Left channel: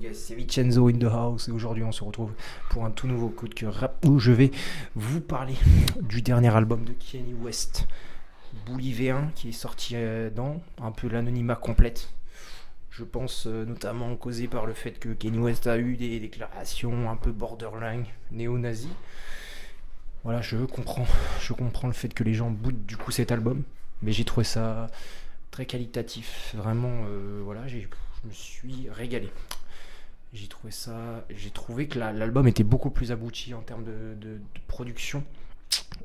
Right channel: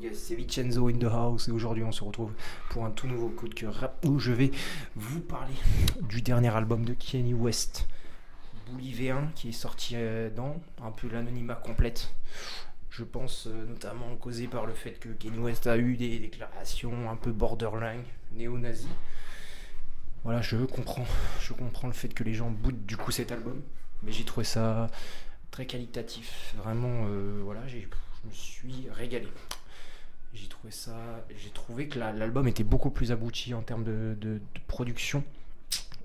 guys, c'est Vincenzo in the house et aujourd'hui on se retrouve pour un tout nouveau coup de cœur rap où je vais vous parler du dernier album de Kanye West, Bully V1, qui est sorti dans un peu l'anonymat complète. Je pense notamment causé par le fait que Kanye West a eu des déclarations un peu borderline, néo-nazi. Voilà, je comprends le fait que les gens boudent du coup cet album, mais j'ai trouvé ça très qualitatif. Vraiment, voilà, je me suis régalé. J'ai trouvé que l'album était beaucoup plus abouti en termes de production.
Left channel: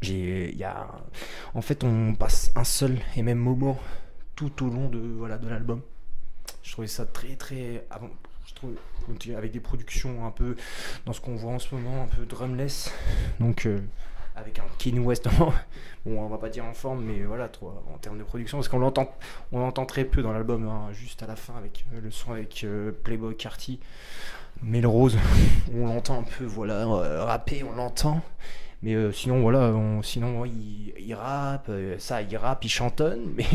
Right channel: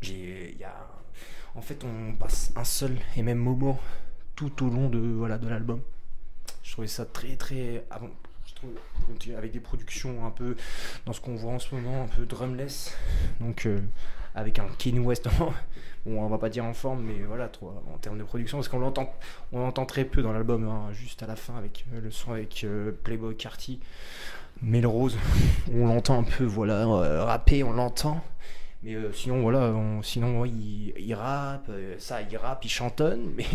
Il y a, en fait, on passe un seul et même moment tout au long de l'album. Je trouvais ça très très avant. Je trouve avec des productions un peu dans ce qu'on voit en ce moment, un peu drumless. Donc avec un Kanye West, bon, on va pas dire en forme, mais voilà, en termes de production, parce on l'entend très peu dans l'album, hein, juste à la fin avec le son avec Playboy Carti, Melrose, on l'entend un peu, voilà, rapper, on l'entend. Mais sinon, voilà, sinon ouais, il rappe, il rappe, il chantonne, mais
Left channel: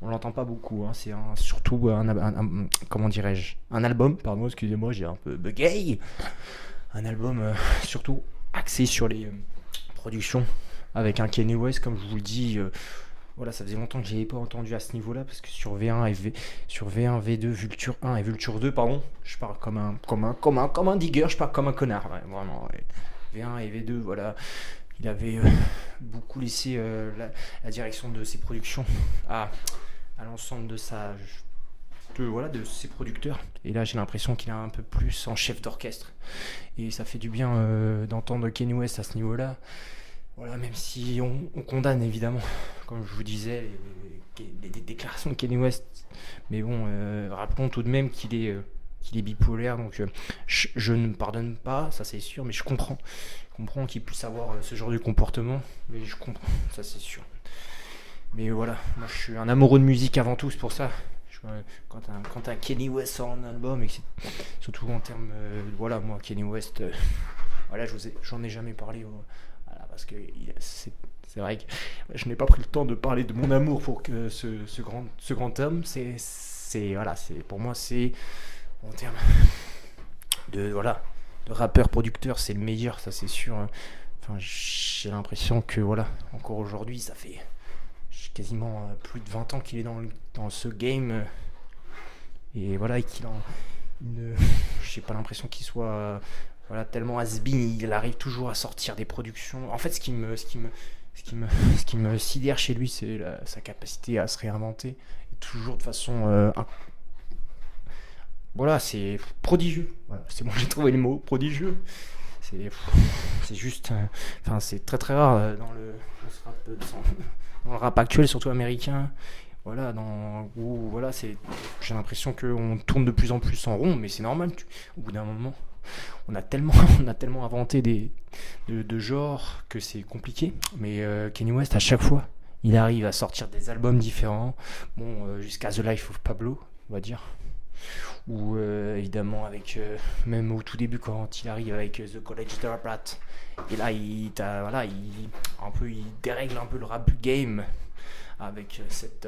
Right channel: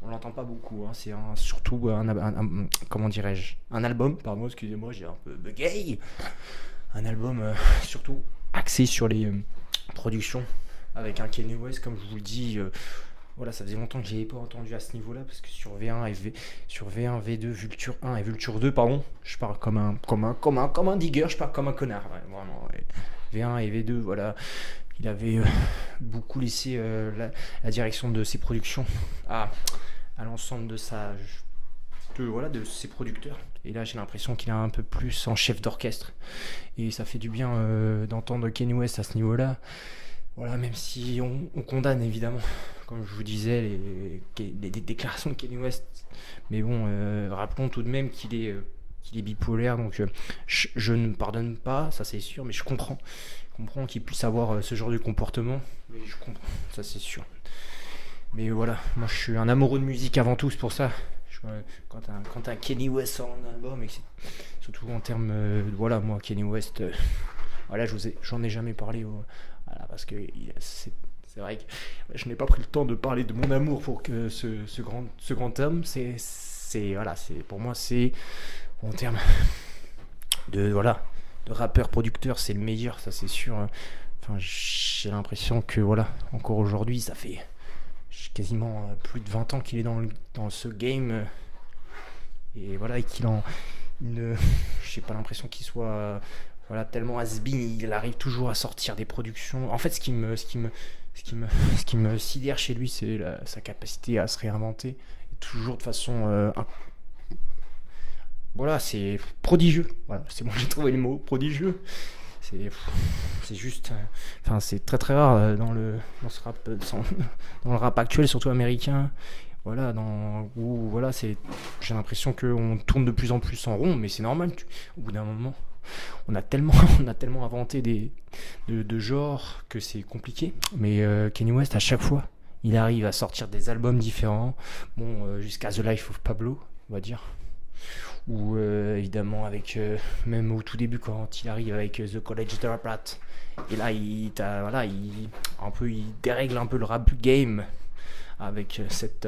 on l'entend pas beaucoup. Hein. C'est surtout comment dirais-je, un album, pardon, excusez-moi, j'ai un peu bugay. Un album surtout axé sur les productions avec un Kanye West, comme je vous le dis. Voilà, ça faisait longtemps que je n'avais pas entendu à ce niveau-là, parce que sur V1, V2, Vulture 1 et Vulture 2, pardon, je parle comme un digger, je parle comme un connard, ouais, vraiment. Ouais. V1 et V2, voilà, il avait beaucoup laissé la direction de ses productions à l'ensemble de ses producteurs. Et là, j'ai l'impression qu'il est un peu plus en chef d'orchestre. Et ça fait du bien d'entendre Kanye West à ce niveau-là. Voilà, même si on condamne évidemment, comme je vous disais, les déclarations de Kanye West. Mais bon, rappelons tout de même qu'il est bipolaire. Donc je ne pardonne pas, ça c'est sûr, mais je comprends. Je comprends qu'il puisse avoir ce genre de comportement. Mais je comprends, ça c'est sûr. Mais voilà, moi je suis un amoureux de musique avant tout, c'est pour ça. Quand un Kanye West sort un album, et surtout en termes. Voilà, moi, Kanye West, voilà, j'en ai jamais parlé. Voilà, parce que c'est vrai que je n'ai pas pris le temps de parler de mon amour pour que ce grand homme. Voilà, pour moi, c'est. En termes voilà, de rappeur, producteur, c'est le meilleur, ça c'est sûr. Enfin, j'ai l'impression que, voilà, encore aujourd'hui, ça fait quasiment plus de 20 ans qu'il est dans ce game. Et voilà, et j'ai pas l'impression qu'il soit voilà, tellement has-been. Il arrive toujours à sortir des productions. En fait, ce qui me sidère chez lui, c'est sa capacité à se réinventer. Et toujours de façon. Voilà, c'est prodigieux. Voilà, c'est bon, j'ai trouvé le mot, prodigieux. C'est, c'est juste. Enfin, c'est très très rare dans ce rap, dans le rap actuel, surtout américain. Voilà, où voilà, j'ai l'impression qu'on tourne de plus en plus en rond, mais c'est normal. Au bout d'un moment, on a tellement inventé de genres que c'est compliqué. Mais Kanye West, à chaque fois, il arrive à sortir des albums différents. Bon, jusqu'à The Life of Pablo, on va dire. Ou évidemment même au tout début quand il arrive avec The College Dropout. Et là, il dérègle un peu le rap game avec cette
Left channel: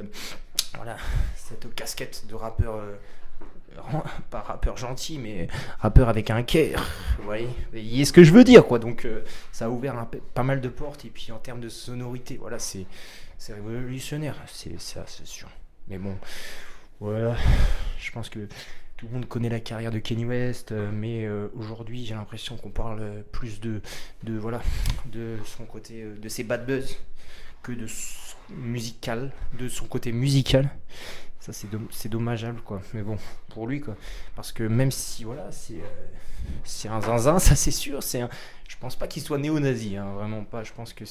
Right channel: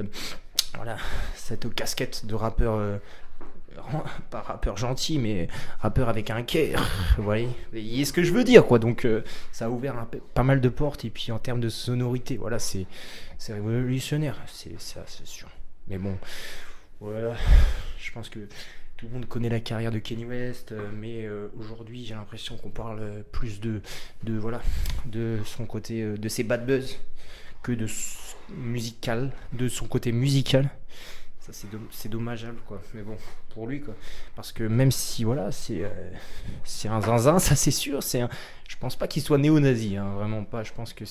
casquette de rappeur, pas rappeur gentil, mais rappeur avec un cœur. Vous voyez ce que je veux dire, quoi. Donc ça a ouvert pas mal de portes, et puis en termes de sonorité, voilà, c'est révolutionnaire, ça, c'est sûr. Mais bon, voilà, je pense que tout le monde connaît la carrière de Kanye West, mais aujourd'hui j'ai l'impression qu'on parle plus voilà, de son côté, de ses bad buzz, que de son côté musical. Ça c'est dommageable, quoi. Mais bon, pour lui, quoi. Parce que même si voilà, c'est un zinzin, ça c'est sûr. Je pense pas qu'il soit néo-nazi, hein, vraiment pas. Je pense que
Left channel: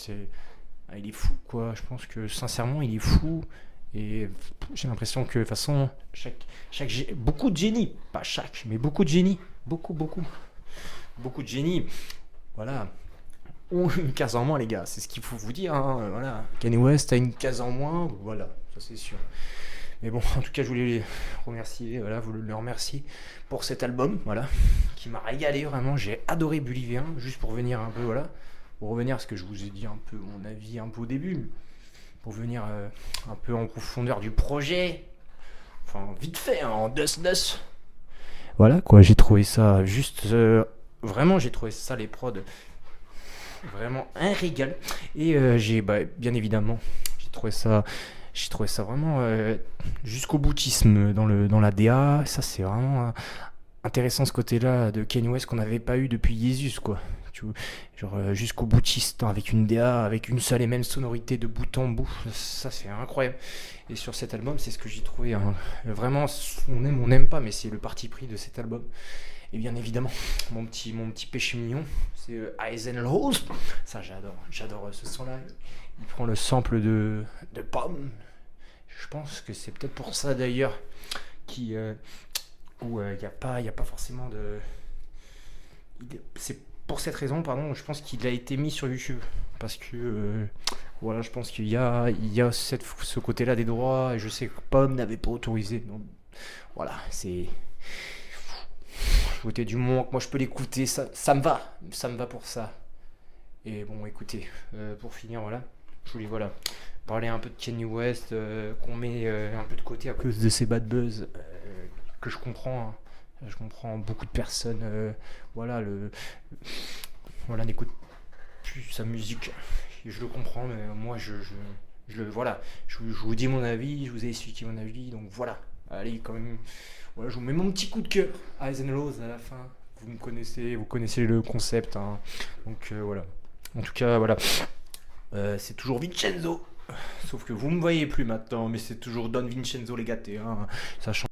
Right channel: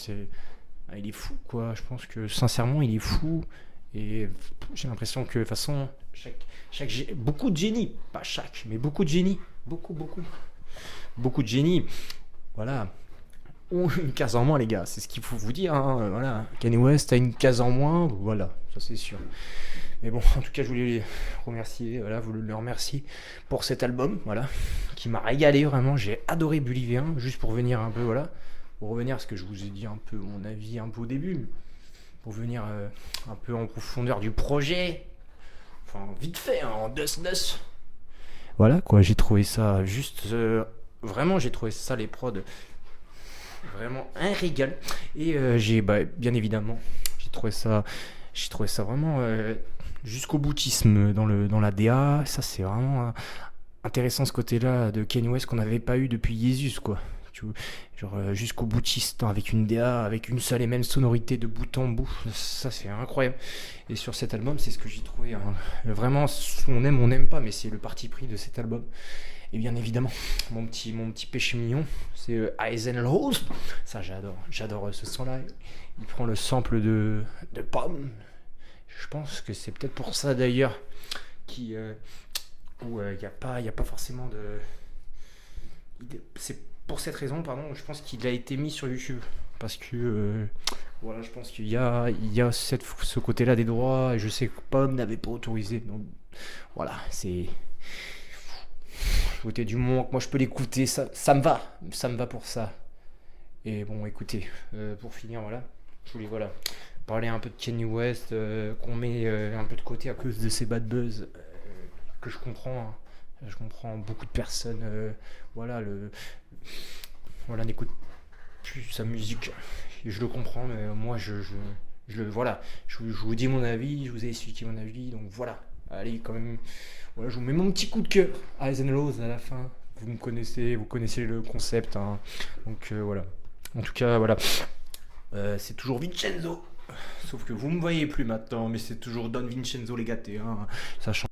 il est fou, quoi. Je pense que sincèrement il est fou. Et j'ai l'impression que de toute façon, beaucoup de génie, pas chaque, mais beaucoup de génie, beaucoup de génie, voilà, ont une case en moins, les gars, c'est ce qu'il faut vous dire, hein, voilà. Kanye West a une case en moins, voilà, ça c'est sûr. Mais bon, en tout cas, je voulais les remercier, voilà, vous le remercier pour cet album, voilà, qui m'a régalé vraiment. J'ai adoré Bully V1, juste pour venir un peu, voilà, pour revenir à ce que je vous ai dit un peu mon avis un peu au début, pour venir un peu en profondeur du projet, enfin vite fait, hein, en dos. Voilà quoi, j'ai trouvé ça juste. Vraiment, j'ai trouvé ça, les prods, vraiment un régal. Et bien évidemment, j'ai trouvé ça. J'ai trouvé ça vraiment jusqu'au boutisme dans la DA. Ça, c'est vraiment intéressant ce côté-là de Kanye West qu'on n'avait pas eu depuis Jesus, quoi. Tu vois, genre jusqu'au boutiste avec une DA, avec une seule et même sonorité de bout en bout. Ça, c'est incroyable. Et sur cet album, c'est ce que j'ai trouvé, hein. Vraiment, on n'aime pas, mais c'est le parti pris de cet album. Et bien évidemment, mon petit péché mignon, c'est Eyes and Rose. Ça, j'adore ce son-là. Il prend le sample de Pomme. Je pense que c'est peut-être pour ça d'ailleurs qui, où y a pas forcément de. C'est pour cette raison, pardon, je pense qu'il a été mis sur YouTube. Parce que, voilà, je pense qu'il y a ce côté-là des droits, et je sais que Pomme n'avait pas autorisé. Donc, voilà, c'est. Côté du moment que moi je peux l'écouter, ça me va pour ça. Et bon, écoutez, pour finir, voilà, je voulais, voilà, parler un peu de Kanye West, qu'on met un peu de côté à cause de ses bad buzz, que je comprends, hein. Je comprends beaucoup de personnes, voilà, voilà, n'écoutent plus sa musique. Et je le comprends, mais moi, voilà, je vous dis mon avis, je vous ai expliqué mon avis, donc voilà. Allez, quand même, voilà, je vous mets mon petit coup de cœur à Eyes and Rose à la fin. Vous connaissez le concept, hein. Donc voilà. En tout cas, voilà. C'est toujours Vincenzo. Sauf que vous me voyez plus maintenant, mais c'est toujours Don Vincenzo Legate, hein. Ça change.